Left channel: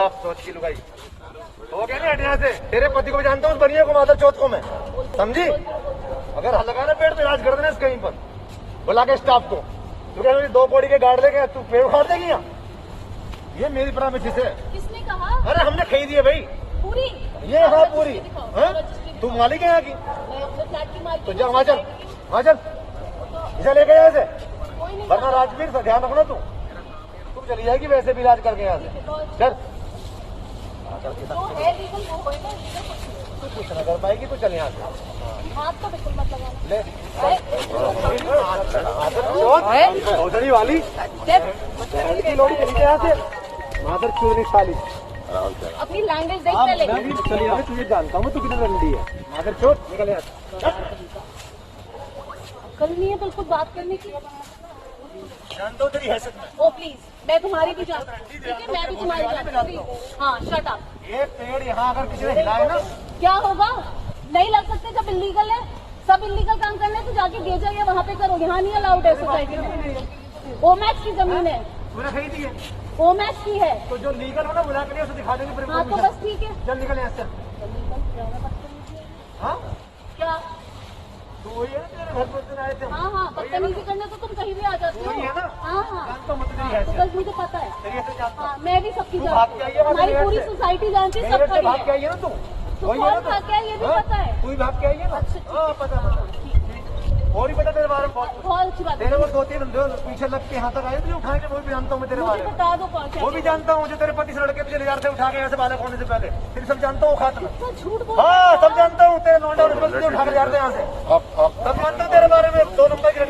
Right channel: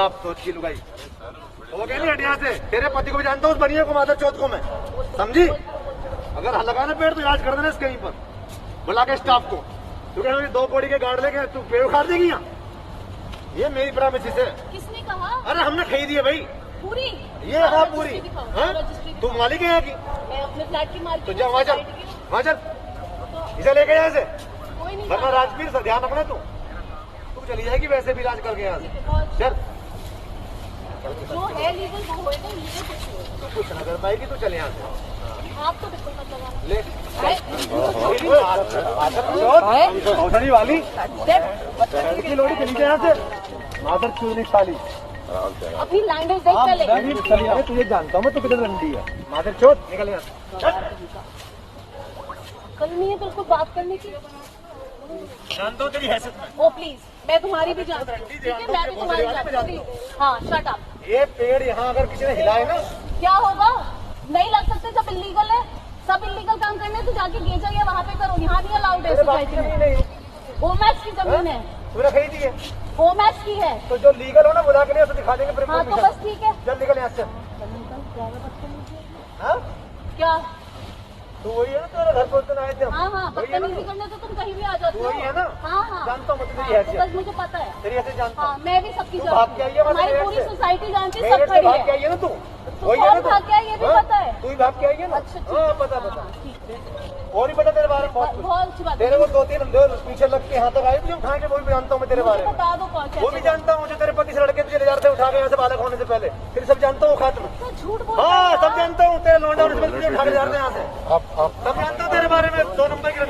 आप सोच की लुगाई हो गया नहीं, हट यहाँ से। तेरे पति को भी जानता हूँ, उस बनिए को, माधव चौथ को मैं, समझी? अगर लगाना पेड़ तो इलाज कर देना कहीं पर, बुला के स्टाफ को। तू क्या 2 बोरी के गाड़ देगा, तू पेड़ उखाड़ देगी यहाँ? ये मेरी प्रॉमिस है। किसने कहा? अरे हमने खरीदी है भाई पूरी। ये, हाँ पूरी। तू मालिक है यहाँ की, मैं अपने फ्लैट की मालिक तो जा वहाँ चल, वहाँ चल, इसे लेके यहाँ से, कोई नहीं। वरना राजवीर से ध्यान रखना। तू चली जाएगी वैसे भी इलाज करके यहाँ से। चल, जो है लीगल वो होएगा, इलीगल कुछ नहीं होगा। तू कुछ न कर पाएगी तो चल यहाँ से। हाथ तो बिल्कुल मत लगाना। ले चौधरी वाली की लोड़ी चली गई यहाँ से। माधर क्यों नहीं साली, अपनी लैंग्वेज देख पहले। तुझे जानता हूँ मैं, तू कितना रंडी है। माधर चौथ निकल यहाँ से। अकल नहीं है बिल्कुल बात करने की। जानता हूँ तेरी हैसियत में। ओ प्लीज, मैं तुम्हारी भी जानती हूँ, ठीक है? मैं भी तुम्हारी जानती हूँ। हाँ, शट अप। ये पेड़ यहाँ अगर किसी ने हिलाए ना, क्या होगा? नहीं लग सकते, सब इलीगल है। सब इलीगल काम करने हैं तो जाके बेचा या वहाँ पे करो, यहाँ नहीं अलाउड है सोसाइटी में। ओमैक्स की जमीन है, तूने खरीदी है ओमैक्स की है। तो जो लीगल हो ना बुला के उसे दिखा देंगे। हाँ तो बस ठीक है। चल निकल यहाँ से। हाँ क्या? तो वही है ना, तेरे घर पे उस दिन आए थे हम। हाँ हाँ, बदतमीजी करने तो तुम कहीं भी आ जाते हो। वही है ना। हाँ हाँ, जानता हूँ मैं तेरी तो हैसियत, बस मुझे पता है। तेरी हैसियत जानता हाँ, हूँ। मैं भी सबकी तू भाग के आई है हमारी मेरे पूरी से। सोसाइटी जानती है, मेरे सब से भाग के खड़ी आई है। है ना तू, वही है ना भाग के आई है, ये भी हाँ? पता है। तू ही भाग के आई है ना। हाँ पता और ही पता तेरे बारे में बहुत कुछ। बहुत अच्छी बात है। तेरे को 2-3 पीछे लग के यहाँ तक आए थे उठा के, वो भी जानता हूँ मैं तेरे बारे में। बता दो कौन सा वो भी जानता हूँ, जो तेरे पति से लड़के तुझे ले उठा के यहाँ से बालक होने से पहले, फिर सब जानता हूँ खात में। झूठ बोल। हाँ सब जानता हूँ, तेरे लौंडा तुझे उठा के जा रहे थे यहाँ से। सब जानता हूँ तेरे बारे में, 2 नंबर की